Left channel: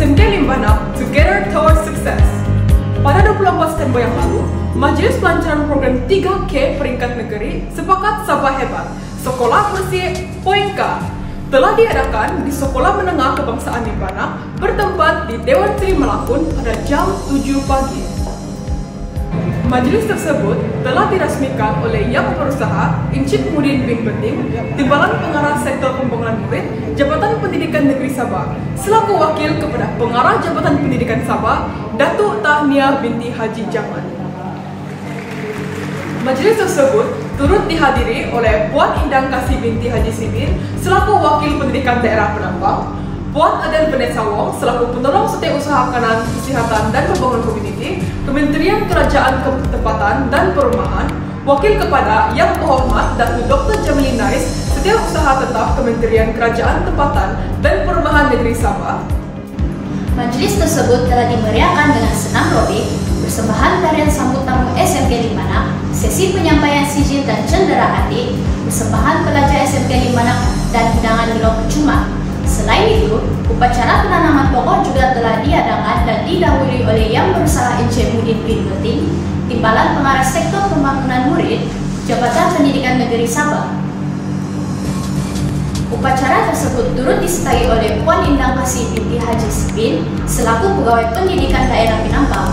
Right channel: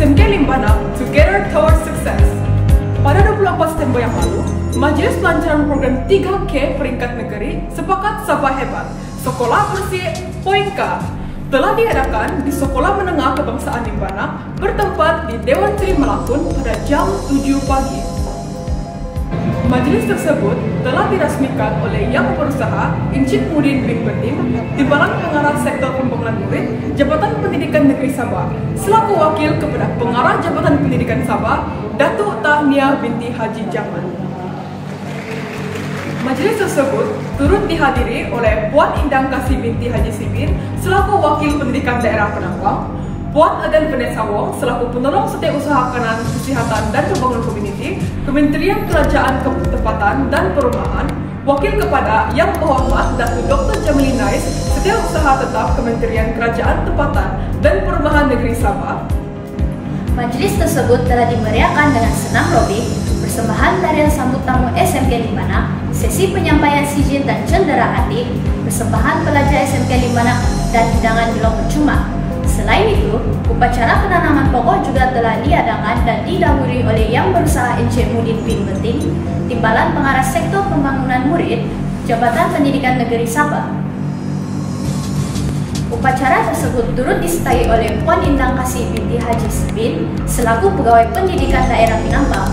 SMK Limbana Together Towards Success. Pada 24 September yang lalu, Majelis Pelancaran Program 3K peringkat negeri sepakat Sabah Hebat, Sekolah Bersih Poin K, telah diadakan di Sekolah Menengah Kebangsaan Limbana bertempat di Dewan Seri Melakun pada jam 7 pagi. Majelis tersebut telah dirasmikan oleh Yang Berusaha Encik Mudin bin Beting, Timbalan Pengarah Sektor Pembangunan Murid, Jabatan Pendidikan Negeri Sabah, selaku wakil kepada Pengarah Jabatan Pendidikan Sabah, Datuk Tahniah binti Haji Jaman. Majelis tersebut turut dihadiri oleh Puan Indang Kasih binti Haji Simin, selaku Wakil Pendidikan Daerah Penambang, Puan Adel Vanessa Wong selaku Penolong Setiausaha Kanan Kesihatan dan Pembangunan Komuniti, Kementerian Kerajaan Tempatan dan Perumahan, Wakil kepada Yang Berhormat Datuk Dr. Jamili Nais, Setiausaha Tetap Kementerian Kerajaan Tempatan dan Perumahan Negeri Sabah. Majelis tersebut telah dimeriahkan dengan senam robik, persembahan tarian sambut tamu SMK Limbana, sesi penyampaian sijil dan cendera hati, persembahan pelajar SMK Limbana, dan hidangan Milo percuma. Selain itu, upacara penanaman pokok juga telah diadakan dan didahului oleh Yang Berusaha Encik Mudin bin Beting, Timbalan Pengarah Sektor Pembangunan Murid, Jabatan Pendidikan Negeri Sabah. Upacara tersebut turut disertai oleh Puan Indang Kasih binti Haji Simin selaku Pegawai Pendidikan Daerah Penambang,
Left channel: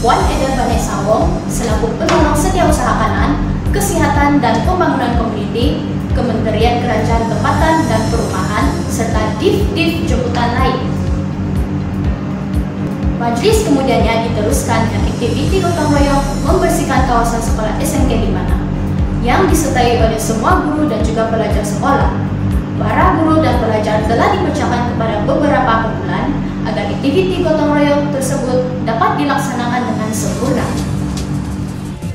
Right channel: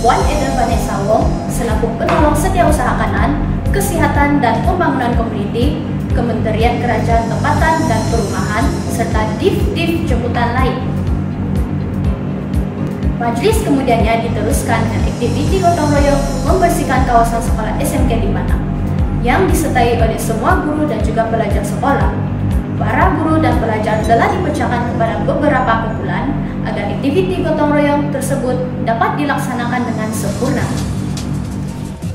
Puan Adel Vanessa Wong selaku Penolong Setiausaha Kanan, Kesihatan dan Pembangunan Komuniti, Kementerian Kerajaan Tempatan dan Perumahan, serta div-div jemputan lain. Majelis kemudiannya diteruskan dengan aktiviti gotong royong membersihkan kawasan sekolah SMK Limbana, yang disertai oleh semua guru dan juga pelajar sekolah. Para guru dan pelajar telah dipecahkan kepada beberapa kumpulan agar aktiviti gotong royong tersebut dapat dilaksanakan dengan sempurna.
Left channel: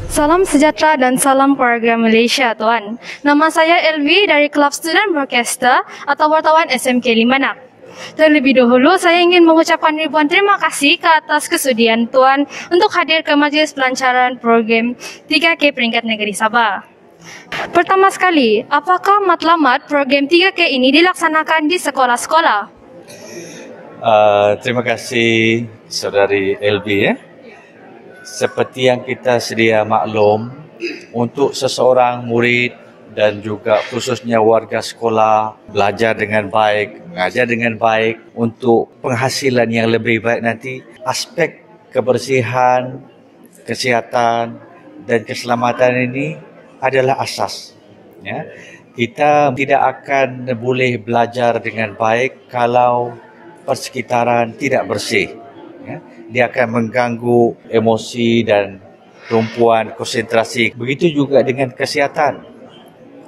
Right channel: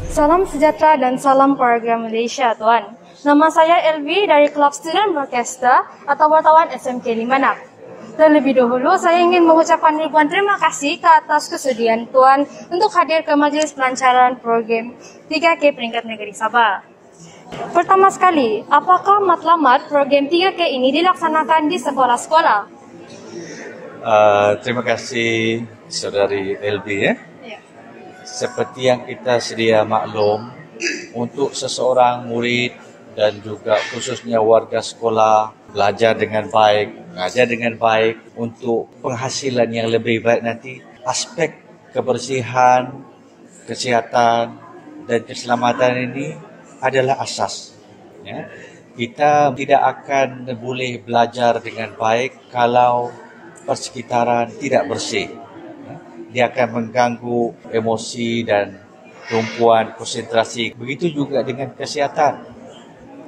Salam sejahtera dan salam program Malaysia, Tuan. Nama saya Elvi dari Kelab Student Broadcaster atau wartawan SMK Limbana. Terlebih dahulu, saya ingin mengucapkan ribuan terima kasih ke atas kesudian Tuan untuk hadir ke Majlis Pelancaran Program 3K Peringkat Negeri Sabah. Pertama sekali, apakah matlamat program 3K ini dilaksanakan di sekolah-sekolah? Terima kasih Saudari Elvi. Seperti yang kita sedia maklum, untuk seseorang murid dan juga khususnya warga sekolah belajar dengan baik, mengajar dengan baik untuk penghasilan yang lebih baik nanti, aspek kebersihan, kesihatan dan keselamatan ini adalah asas. Ya. Kita tidak akan boleh belajar dengan baik kalau persekitaran tidak bersih. Dia akan mengganggu emosi dan tumpuan konsentrasi. Begitu juga dengan kesihatan.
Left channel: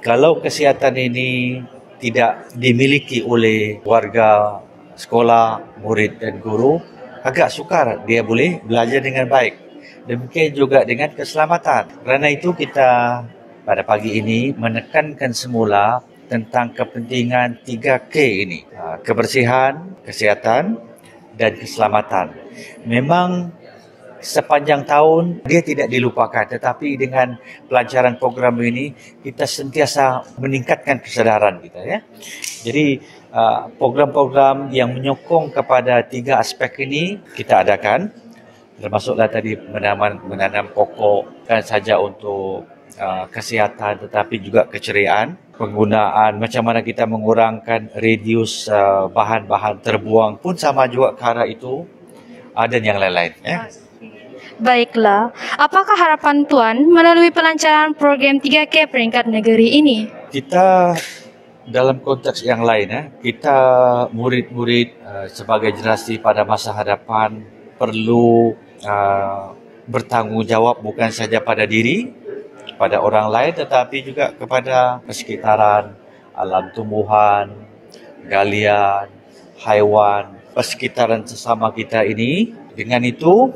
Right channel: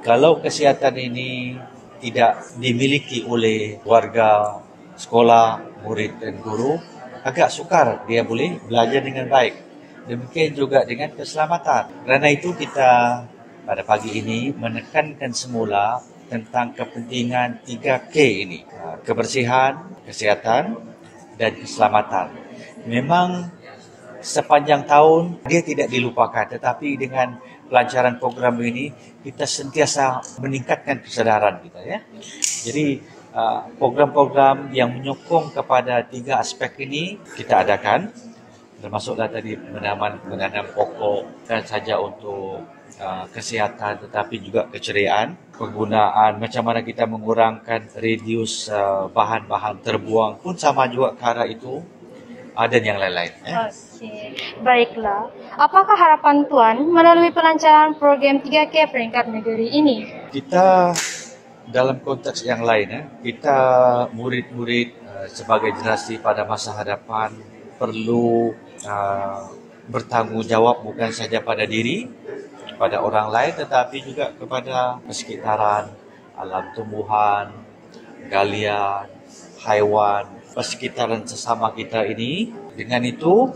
Kalau kesihatan ini tidak dimiliki oleh warga sekolah, murid dan guru, agak sukar dia boleh belajar dengan baik. Demikian juga dengan keselamatan. Kerana itu kita pada pagi ini menekankan semula tentang kepentingan 3K ini. Kebersihan, kesihatan dan keselamatan. Memang sepanjang tahun dia tidak dilupakan, tetapi dengan pelancaran program ini kita sentiasa meningkatkan kesadaran kita, ya. Jadi program-program yang menyokong kepada 3 aspek ini kita adakan, termasuklah tadi menanam pokok bukan saja untuk kesihatan tetapi juga keceriaan, penggunaan macam mana kita mengurangkan radius bahan-bahan terbuang pun sama juga ke arah itu, dan yang lain-lain. Ya. Baiklah, apakah harapan Tuan melalui pelancaran program 3K peringkat negeri ini? Kita dalam konteks yang lain, kita murid-murid sebagai generasi pada masa hadapan perlu bertanggungjawab bukan saja pada diri, pada orang lain, tetapi juga kepada persekitaran, alam tumbuhan, galian, haiwan, persekitaran sesama kita ini. Dengan itu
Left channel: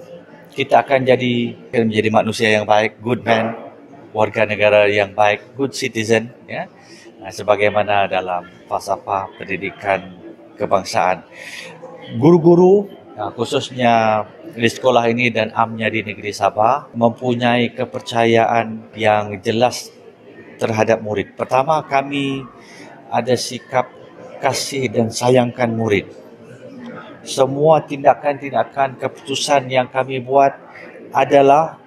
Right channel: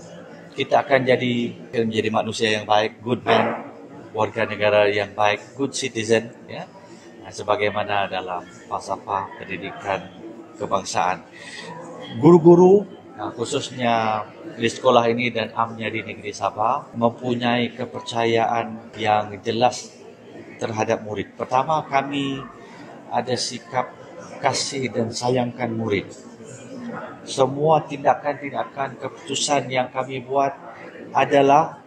kita akan menjadi manusia yang baik, good man, warga negara yang baik, good citizen, ya. Sebagaimana dalam falsafah pendidikan kebangsaan. Guru-guru khususnya di sekolah ini dan amnya di negeri Sabah mempunyai kepercayaan yang jelas terhadap murid. Pertama, kami ada sikap kasih dan sayangkan murid. semua tindakan-tindakan keputusan yang kami buat adalah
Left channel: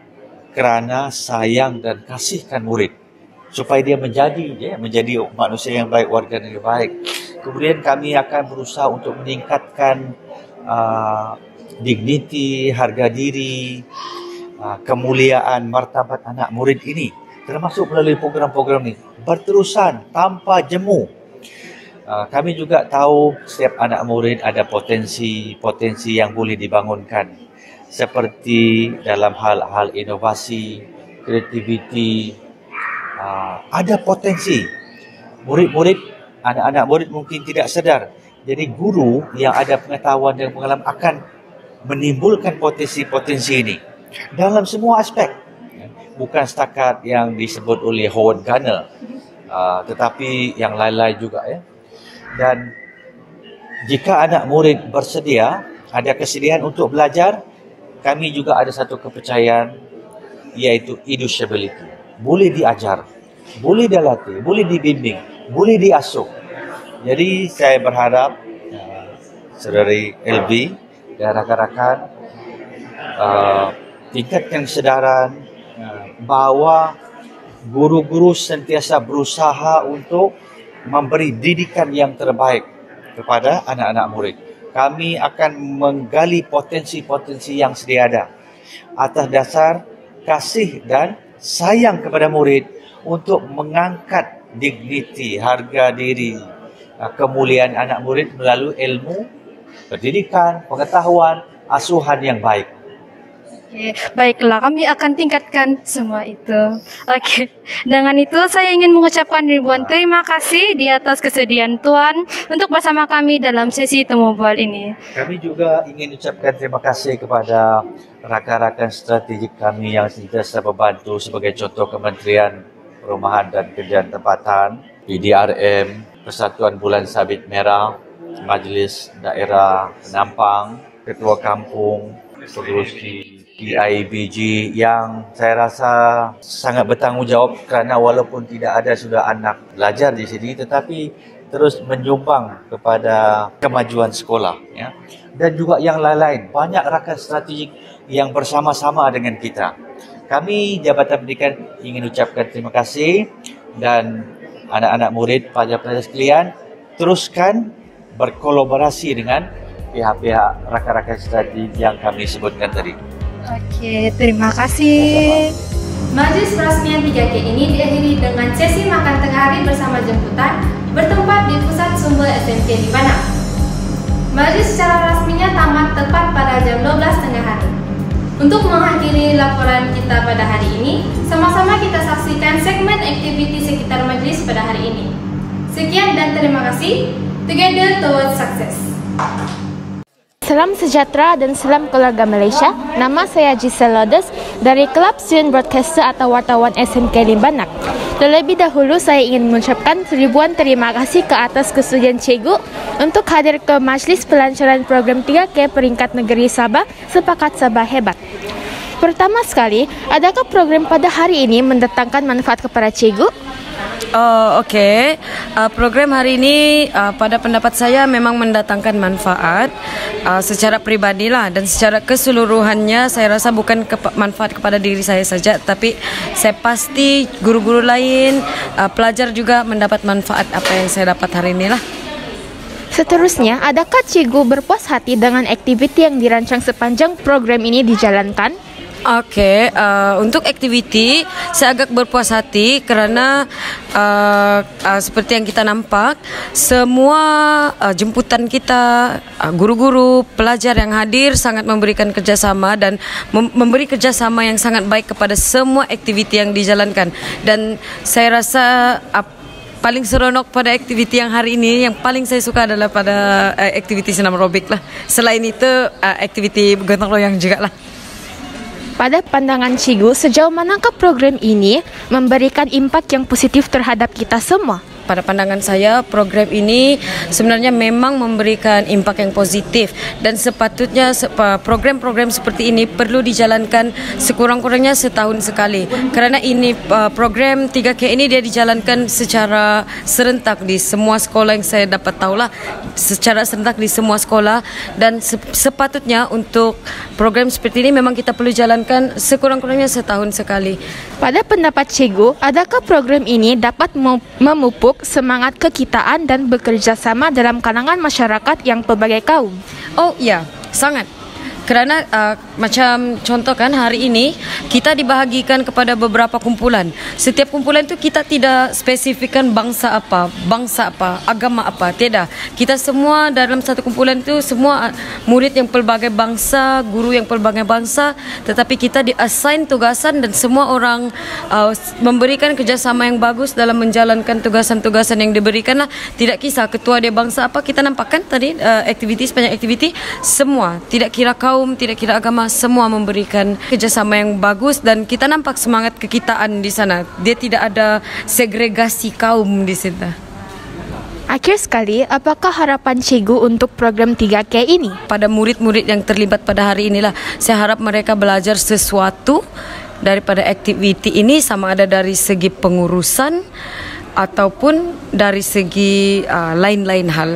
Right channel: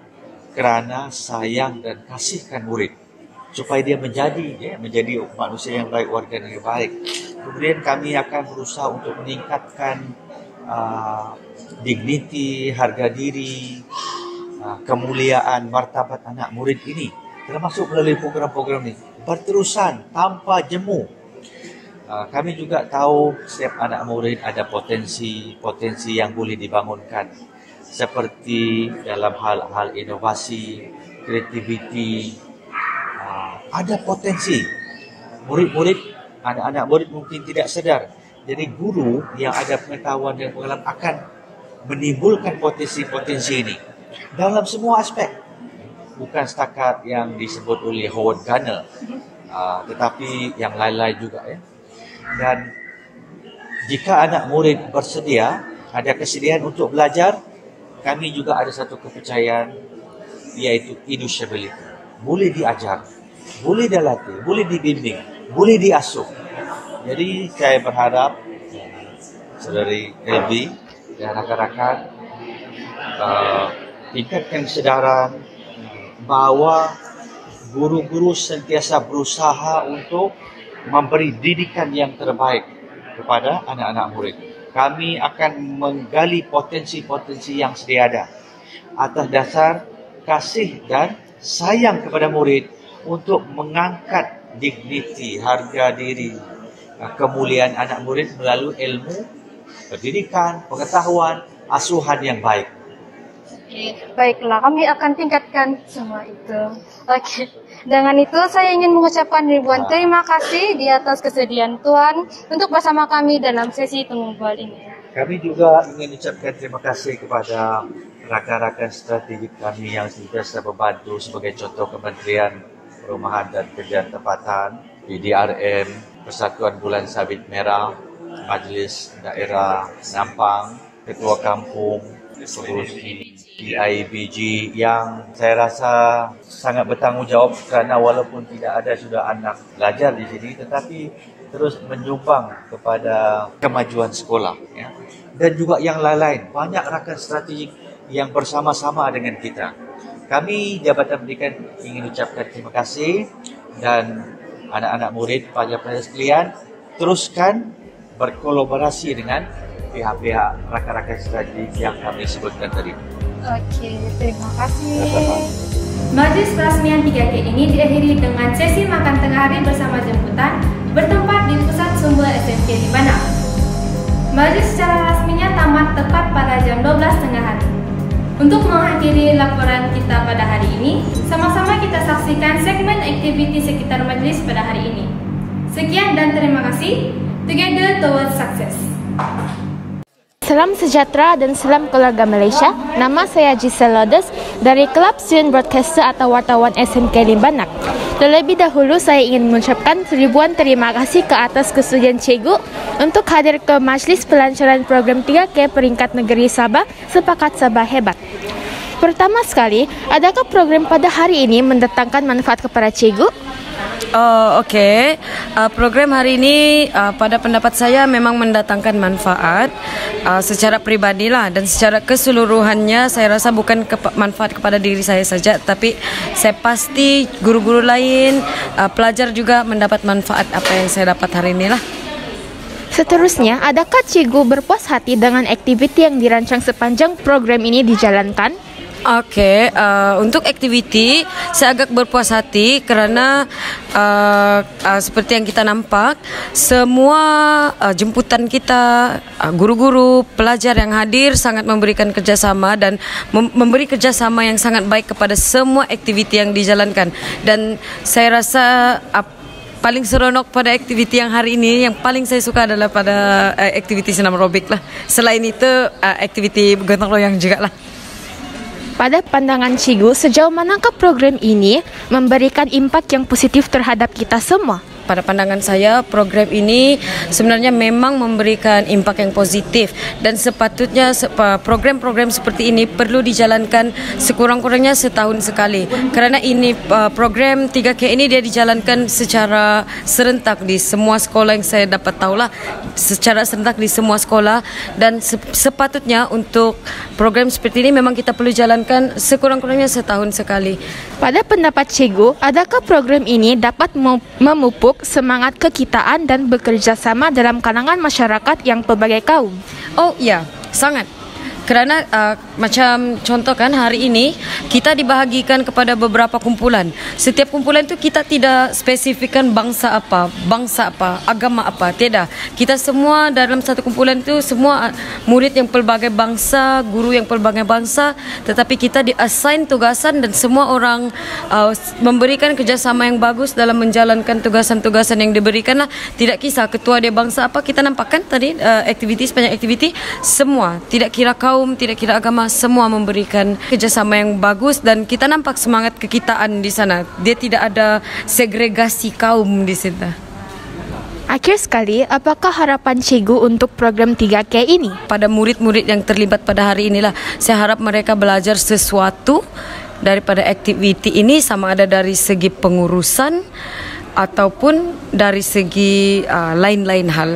kerana sayang dan kasihkan murid supaya dia menjadi manusia yang baik, warga negara baik. Kemudian kami akan berusaha untuk meningkatkan dignity, harga diri, kemuliaan, martabat anak murid ini, termasuk melalui program-program ini berterusan tanpa jemu. Kami juga tahu setiap anak murid ada potensi yang boleh dibangunkan, seperti dalam hal-hal inovasi, kreativiti. Ada potensi. Anak-anak murid mungkin tidak sedar. Jadi guru yang ada pengetahuan dan pengalaman akan menimbulkan potensi-potensi ini dalam semua aspek. Bukan setakat yang disebut oleh Howard Gardner, tetapi yang lain-lain juga ya. Dan jika anak murid bersedia, ada kesediaan untuk belajar, kami juga ada satu kepercayaan, iaitu educability. Boleh diajar, boleh dilatih, boleh dibimbing, boleh diasuh. Jadi saya berharap saudari LB dan rakan-rakan tingkatkan kesedaran bahawa guru-guru sentiasa berusaha untuk memberi didikan yang terbaik kepada anak-anak murid. Kami akan menggali potensi-potensi yang sedia ada atas dasar kasih dan sayang kepada murid untuk mengangkat dignity, harga diri, kemuliaan anak murid melalui ilmu, pendidikan, pengetahuan, asuhan yang baik. Oke, baiklah, kami akan tingkatkan semua itu. Oke, dengan itu saya ingin mengucapkan ribuan terima kasih di atas kesediaan Tuan untuk bersama kami dalam sesi temu bual ini. Kami juga ingin ucapkan terima kasih kepada rakan-rakan strategik kami yang sentiasa membantu, sebagai contoh Kementerian Perumahan dan Kerjaan Tempatan, PDRM, Persatuan Bulan Sabit Merah, Majlis Daerah Nampang, Ketua Kampung, pengurusi PIBG yang saya rasa sangat bertanggungjawab kerana walaupun tidak ada sudah anak belajar di sini, tetapi terus menyumbang kepada kemajuan sekolah ya. Dan juga yang lain-lain, banyak rakan strategik yang bersama-sama dengan kita. Kami Jabatan Pendidikan ingin ucapkan terima kasih, dan anak-anak murid, pelajar-pelajar sekalian, teruskan berkolaborasi dengan pihak-pihak rakan-rakan strategik yang kami sebutkan tadi. Oke, terima kasih. Majlis perasmian 3K ini diakhiri dengan sesi makan tengah hari bersama jemputan bertempat di Pusat Sumber SMK Limbana. Majlis secara rasminya tamat tepat pada jam 12 tengah hari. Untuk mengakhiri laporan kita pada hari ini, sama-sama kita saksikan segmen aktiviti sekitar majlis pada hari ini. Sekian dan terima kasih. Together towards success. Salam sejahtera dan salam keluarga Malaysia. Nama saya Giselle Lodes dari Kelab Student Broadcaster atau wartawan SMK Limbanak. Terlebih dahulu saya ingin mengucapkan ribuan terima kasih ke atas kesudian Cikgu untuk hadir ke Majlis Pelancaran Program 3K Peringkat Negeri Sabah Sepakat Sabah Hebat. Pertama sekali, adakah program pada hari ini mendatangkan manfaat kepada Cikgu? Okey. Program hari ini pada pendapat saya memang mendatangkan manfaat secara pribadilah, dan secara keseluruhannya saya rasa bukan manfaat kepada diri saya saja, tapi saya pasti guru-guru lain, pelajar juga mendapat manfaat apa yang saya dapat hari inilah. Seterusnya, adakah Cikgu berpuas hati dengan aktiviti yang dirancang sepanjang program ini dijalankan? Okey, untuk aktiviti saya agak berpuas hati kerana seperti yang kita nampak, semua jemputan kita, guru-guru, pelajar yang hadir sangat memberikan kerjasama dan memberi kerjasama yang sangat baik kepada semua aktiviti yang dijalankan. Dan saya rasa paling seronok pada aktiviti yang hari ini, yang paling saya suka adalah pada aktiviti senam aerobik lah. Selain itu, aktiviti gotong royong juga lah. Pada pandangan Cikgu, sejauh manakah program ini memberikan impak yang positif terhadap kita semua? pada pandangan saya program ini sebenarnya memang memberikan impak yang positif dan sepatutnya program-program seperti ini perlu dijalankan sekurang-kurangnya setahun sekali. Kerana ini program 3K ini dia dijalankan secara serentak di semua sekolah yang saya dapat tahulah, secara serentak di semua sekolah, dan sepatutnya untuk program seperti ini memang kita perlu jalankan sekurang-kurangnya setahun sekali. Pada pendapat Cikgu, adakah program ini dapat memupuk semangat kekitaan dan bekerja sama dalam kalangan masyarakat yang pelbagai kaum? Oh ya, sangat. Kerana macam contoh kan hari ini kita dibahagikan kepada beberapa kumpulan. Setiap kumpulan itu kita tidak spesifikkan bangsa apa, agama apa, tidak. Kita semua dalam satu kumpulan itu semua murid yang pelbagai bangsa, guru yang pelbagai bangsa, tetapi kita di-assign tugasan dan semua orang memberikan kerjasama yang bagus dalam menjalankan tugasan-tugasan yang diberikan lah. Tidak kisah ketua dia bangsa apa, kita nampakkan tadi aktiviti sepanjang aktiviti semua, tidak kira kaum, tidak kira agama, semua memberikan kerjasama yang bagus dan kita nampak semangat kekitaan di sana. Dia tidak ada segregasi kaum di situ. Akhir sekali, apakah harapan Cikgu untuk program 3K ini? Pada murid-murid yang terlibat pada hari inilah, saya harap mereka belajar sesuatu daripada aktiviti ini, sama ada dari segi pengurusan ataupun dari segi lain-lain hal.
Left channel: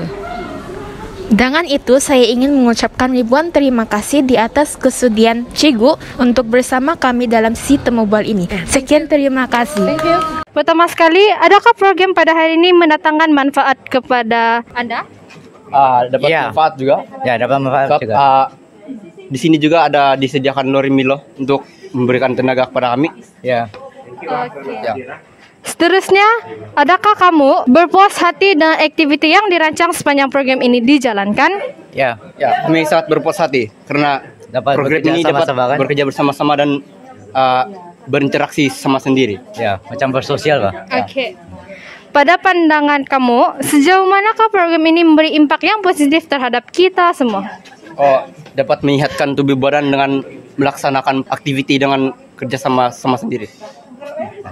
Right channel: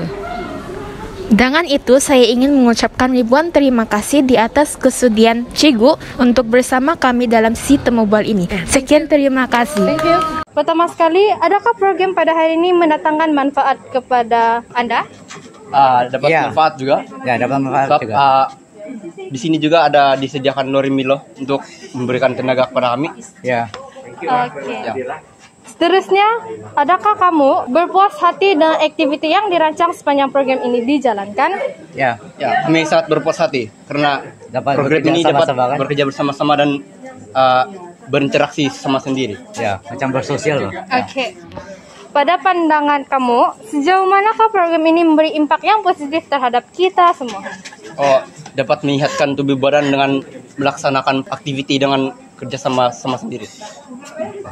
Dengan itu, saya ingin mengucapkan ribuan terima kasih di atas kesudian Cikgu untuk bersama kami dalam si temubal ini. Sekian, terima kasih. Thank you. Pertama sekali, adakah program pada hari ini mendatangkan manfaat kepada anda? Dapat manfaat juga. Ya, dapat manfaat juga. Di sini juga ada disediakan lori Milo untuk memberikan tenaga kepada kami. Ya. Oke. Ya. Seterusnya, adakah kamu berpuas hati dengan aktiviti yang dirancang sepanjang program ini dijalankan? Ya. Kami sangat berpuas hati karena Dapat program bekerja ini dapat sama-sama, kan? bekerja bersama-sama dan berinteraksi sama sendiri. Ya, macam bersosial lah. Oke. Pada pandangan kamu, sejauh manakah program ini memberi impak yang positif terhadap kita semua? Dapat menyehatkan tubuh badan dengan melaksanakan aktiviti dengan kerjasama sama sendiri.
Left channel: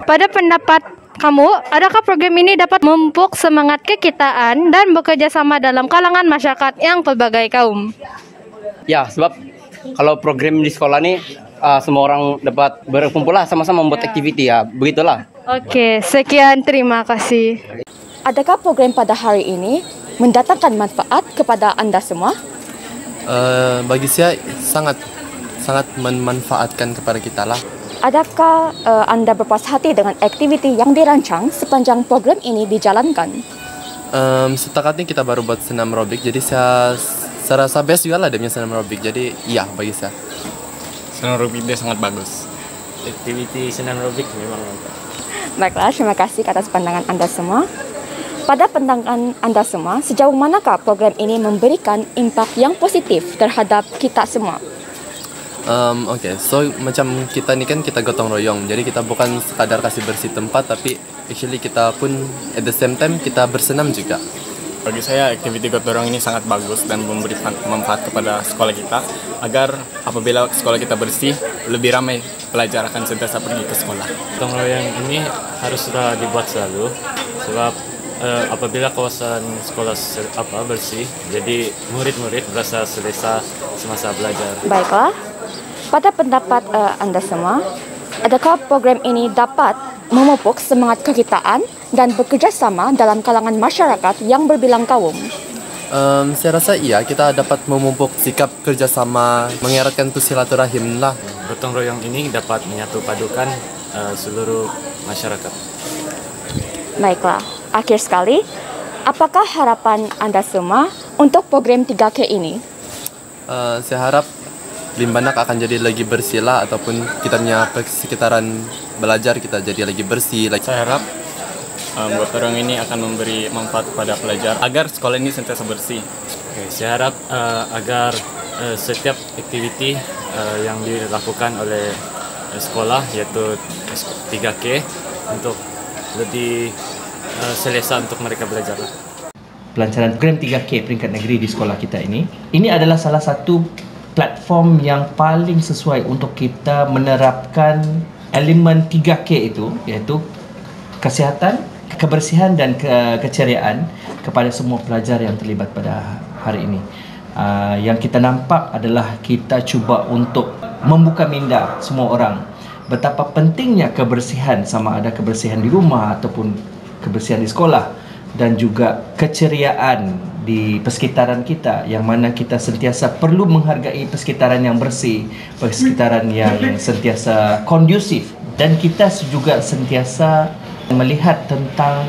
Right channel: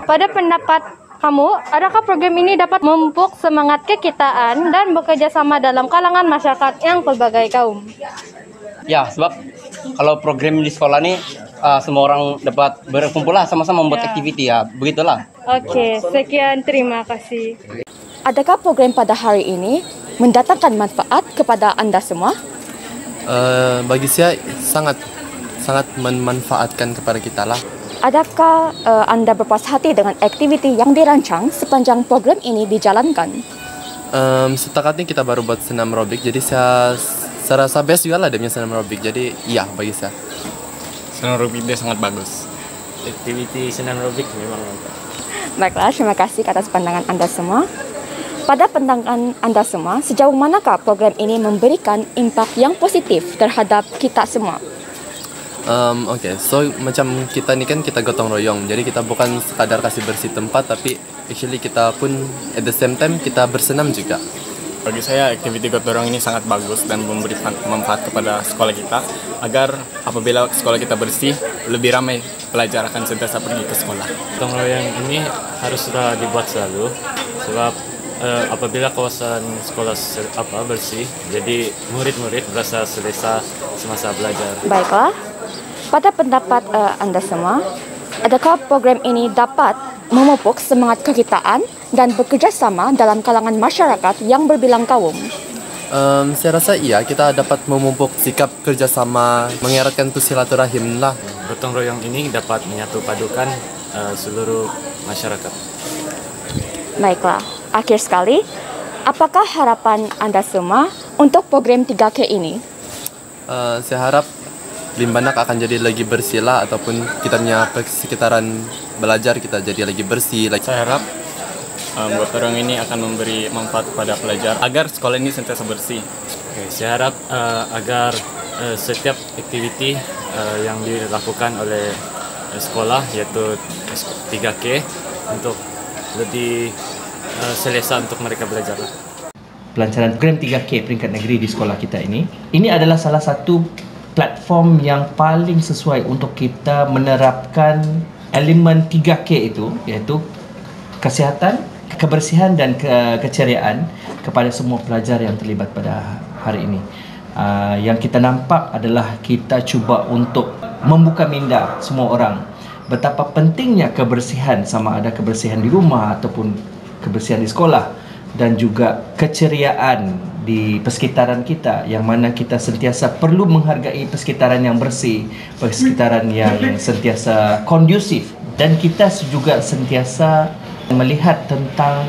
Pada pendapat kamu, adakah program ini dapat memupuk semangat kekitaan dan bekerja sama dalam kalangan masyarakat yang pelbagai kaum? Ya, sebab kalau program di sekolah ini semua orang dapat berkumpul lah sama-sama membuat aktiviti ya, begitulah. Oke, sekian, terima kasih. Adakah program pada hari ini mendatangkan manfaat kepada anda semua? Bagi saya sangat memanfaatkan kepada kita lah. Adakah anda berpuas hati dengan aktiviti yang dirancang sepanjang program ini dijalankan? Setakat ini kita baru buat senam aerobik, jadi saya rasa best juga lah dia punya senam aerobik. Jadi iya bagi saya. Senam aerobik dia sangat bagus. Aktiviti senam aerobik memang mantap. Baiklah, terima kasih atas pandangan anda semua. Pada pandangan anda semua, sejauh manakah program ini memberikan impak yang positif terhadap kita semua? So macam kita ni kan kita gotong royong, jadi kita bukan sekadar kasih bersih tempat, tapi actually kita pun at the same time kita bersenam juga. Bagi saya aktiviti gotong royong ini sangat bagus dan memberi manfaat kepada sekolah kita, agar apabila sekolah kita bersih, lebih ramai pelajar akan sentiasa pergi ke sekolah. Gotong royong ini haruslah dibuat selalu, sebab apabila kawasan sekolah bersih, jadi murid-murid berasa selesa semasa belajar. Baiklah. Pada pendapat anda semua, adakah program ini dapat memupuk semangat kekitaan dan bekerja sama dalam kalangan masyarakat yang berbilang kaum? Saya rasa iya, kita dapat memupuk sikap kerjasama, mengeratkan tu silaturahim lah. Gotong royong ini dapat menyatu padukan seluruh masyarakat. Baiklah, akhir sekali, apakah harapan anda semua untuk program 3K ini? Saya harap Limbanak akan jadi lagi bersih lah, ataupun kita punya sekitaran belajar kita jadi lagi bersih. Saya harap gotong royong ini akan memberi manfaat kepada pelajar agar sekolah ini sentiasa bersih. Saya harap agar setiap aktiviti yang dilakukan oleh sekolah, yaitu 3K, untuk lebih selesa untuk mereka belajar. Pelancaran program 3K peringkat negeri di sekolah kita ini adalah salah satu platform yang paling sesuai untuk kita menerapkan elemen 3K itu, iaitu kesihatan, kebersihan dan keceriaan kepada semua pelajar yang terlibat pada hari ini. Yang kita nampak adalah kita cuba untuk membuka minda semua orang betapa pentingnya kebersihan, sama ada kebersihan di rumah ataupun kebersihan di sekolah, dan juga keceriaan di persekitaran kita, yang mana kita sentiasa perlu menghargai persekitaran yang bersih, persekitaran yang sentiasa kondusif, dan kita juga sentiasa melihat tentang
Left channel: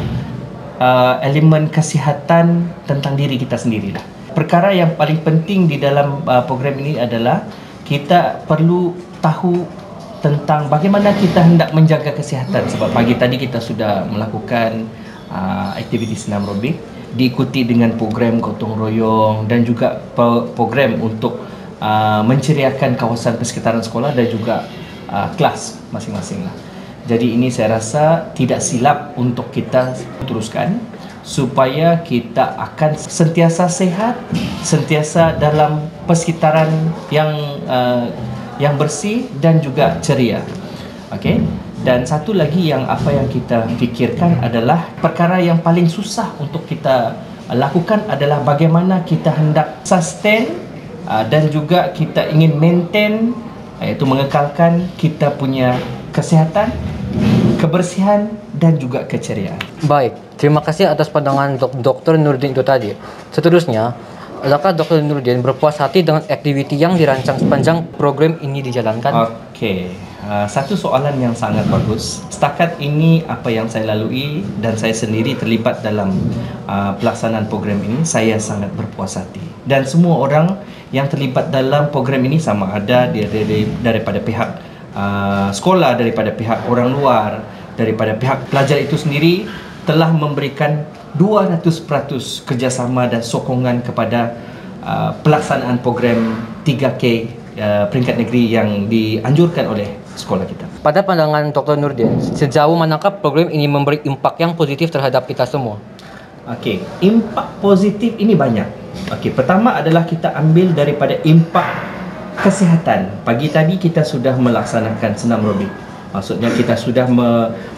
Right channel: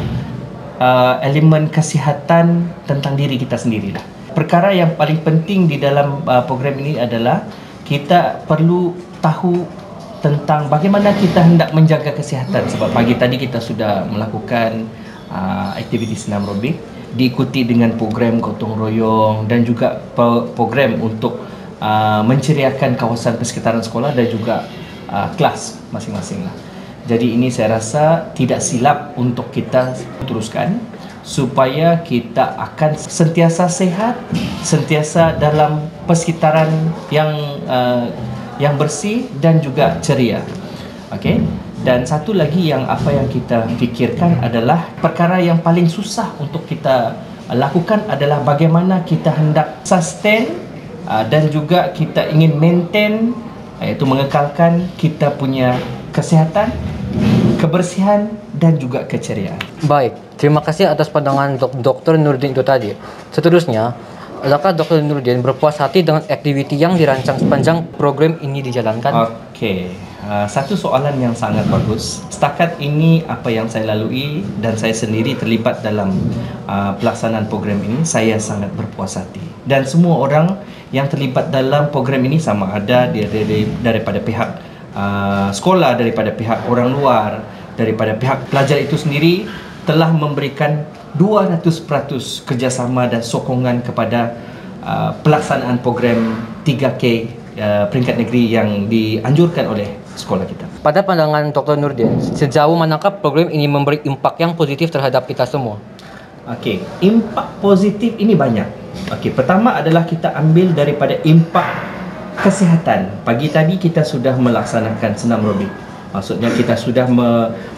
elemen kesihatan tentang diri kita sendirilah. Perkara yang paling penting di dalam program ini adalah kita perlu tahu tentang bagaimana kita hendak menjaga kesihatan. Sebab pagi tadi kita sudah melakukan aktiviti senam aerobik, diikuti dengan program gotong royong dan juga program untuk menceriakan kawasan persekitaran sekolah dan juga kelas masing-masing lah. Jadi ini saya rasa tidak silap untuk kita teruskan supaya kita akan sentiasa sehat, sentiasa dalam persekitaran yang bersih dan juga ceria. Okey. Dan satu lagi yang kita fikirkan adalah perkara yang paling susah untuk kita lakukan adalah bagaimana kita hendak sustain dan juga kita ingin maintain, iaitu mengekalkan kita punya kesihatan, kebersihan dan juga keceriaan. Baik, terima kasih atas pandangan Dr. Nurdin itu tadi. Seterusnya, adakah Dr. Nurdin berpuas hati dengan aktiviti yang dirancang sepanjang program ini dijalankan? Okey. Satu soalan yang sangat bagus. Setakat ini apa yang saya lalui dan saya sendiri terlibat dalam pelaksanaan program ini, saya sangat berpuas hati. Dan semua orang yang terlibat dalam program ini, sama ada daripada pihak sekolah, daripada pihak orang luar, daripada pihak pelajar itu sendiri, telah memberikan 200% kerjasama dan sokongan kepada pelaksanaan program 3K peringkat negeri yang dianjurkan oleh sekolah kita. Pada pandangan Dr. Nurdin, sejauh manakah program ini memberi impak yang positif terhadap kita semua? Okey, impak positif ini banyak. Okey, pertama adalah kita ambil daripada impak kesihatan. Pagi tadi kita sudah melaksanakan senam aerobik. Maksudnya kita sudah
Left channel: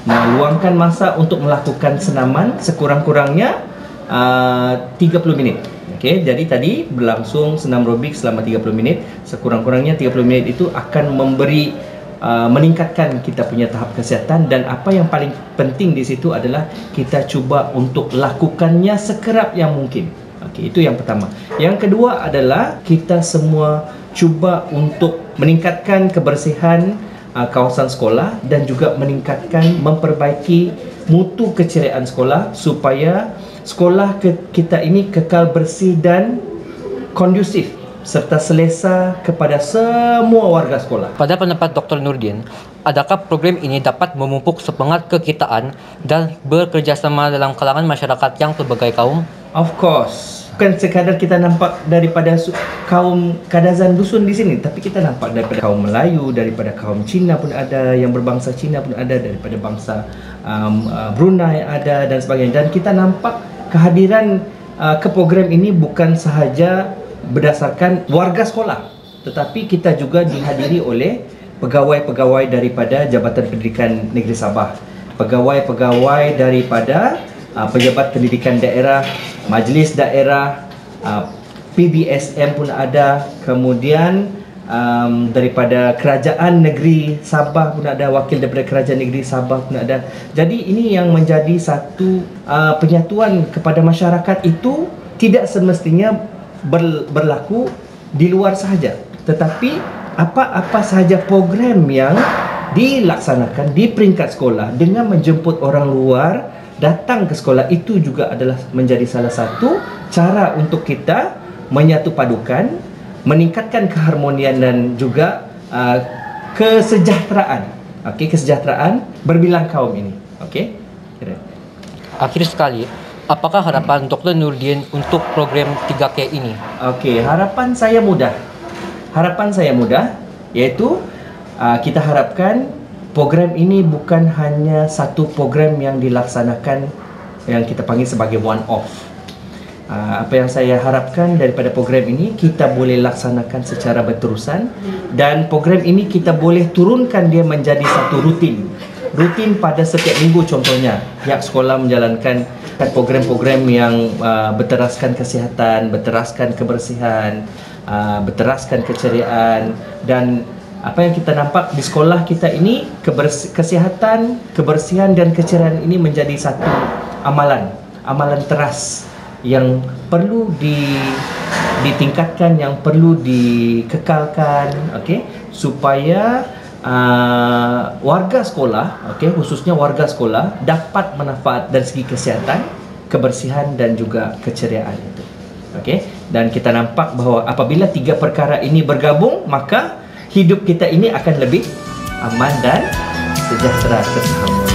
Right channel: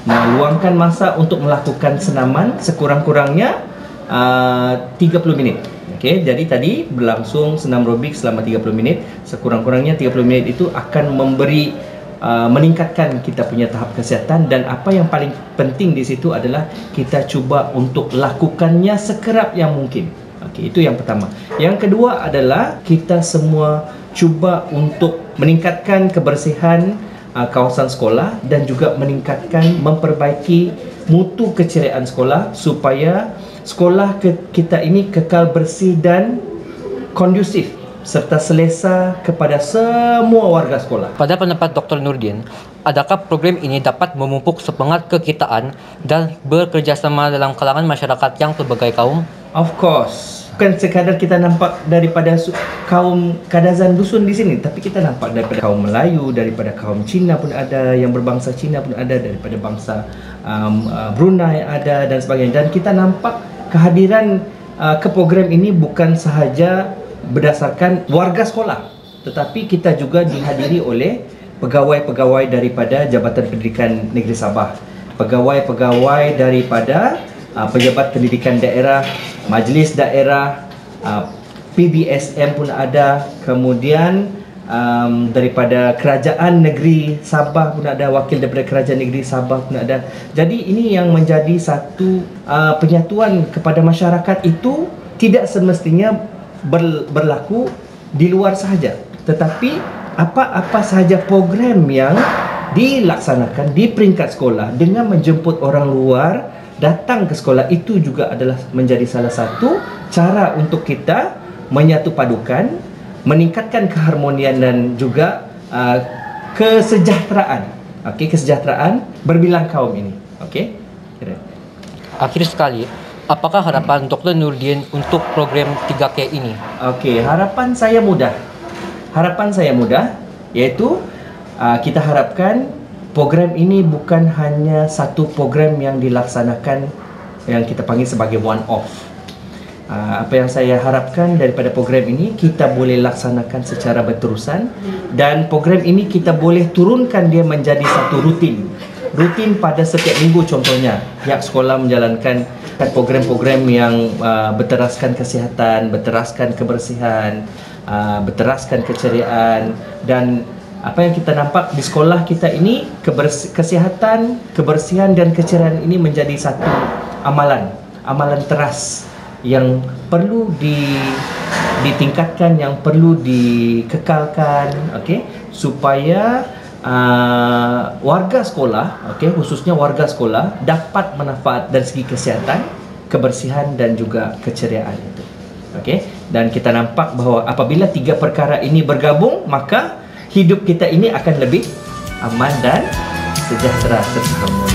meluangkan masa untuk melakukan senaman sekurang-kurangnya 30 minit. Okey, jadi tadi berlangsung senam aerobik selama 30 minit. Sekurang-kurangnya 30 minit itu akan meningkatkan kita punya tahap kesihatan, dan apa yang paling penting di situ adalah kita cuba untuk lakukannya sekerap yang mungkin. Okey, itu yang pertama. Yang kedua adalah kita semua cuba untuk meningkatkan kebersihan kawasan sekolah dan juga memperbaiki mutu keceriaan sekolah supaya sekolah kita ini kekal bersih dan kondusif serta selesa kepada semua warga sekolah. Pada pendapat Dr. Nurdin, adakah program ini dapat memupuk semangat kekitaan dan bekerjasama dalam kalangan masyarakat yang pelbagai kaum? Of course. Bukan sekadar kita nampak daripada kaum Kadazan dusun di sini, tapi kita nampak daripada kaum Melayu, daripada kaum Cina pun ada, yang berbangsa Cina pun ada, daripada bangsa Brunei ada dan sebagainya. Dan kita nampak kehadiran ke program ini bukan sahaja berdasarkan warga sekolah, tetapi kita juga dihadiri oleh pegawai-pegawai daripada Jabatan Pendidikan Negeri Sabah, pegawai-pegawai daripada pejabat pendidikan daerah, majlis daerah, PBSM pun ada, kemudian daripada Kerajaan Negeri Sabah pun ada, wakil daripada Kerajaan Negeri Sabah pun ada. Jadi ini yang menjadi satu penyatuan kepada masyarakat itu tidak semestinya berlaku di luar sahaja, tetapi apa-apa sahaja program yang dilaksanakan di peringkat sekolah dengan menjemput orang luar datang ke sekolah, itu juga adalah menjadi salah satu cara untuk kita menyatu padukan, meningkatkan keharmonian dan juga kesejahteraan. Okey, kesejahteraan berbilang kaum ini. Okey. Akhir sekali, apakah harapan Dr. Nurdin untuk program 3K ini? Okey, harapan saya mudah. Iaitu kita harapkan program ini bukan hanya satu program yang dilaksanakan yang kita panggil sebagai one off. Apa yang saya harapkan daripada program ini, kita boleh laksanakan secara berterusan, dan program ini kita boleh turunkan dia menjadi satu rutin. rutin pada setiap minggu. Contohnya pihak sekolah menjalankan program-program yang berteraskan kesihatan, berteraskan kebersihan, berteraskan keceriaan. Dan apa yang kita nampak di sekolah kita ini, kesihatan, kebersihan dan keceriaan ini menjadi satu amalan teras yang perlu ditingkatkan, yang perlu dikekalkan, okey, supaya warga sekolah, okey, khususnya warga sekolah dapat manfaat dari segi kesihatan, kebersihan dan juga keceriaan itu. Okey, dan kita nampak bahawa apabila tiga perkara ini bergabung, maka hidup kita ini akan lebih aman dan sejahtera serta harmoni.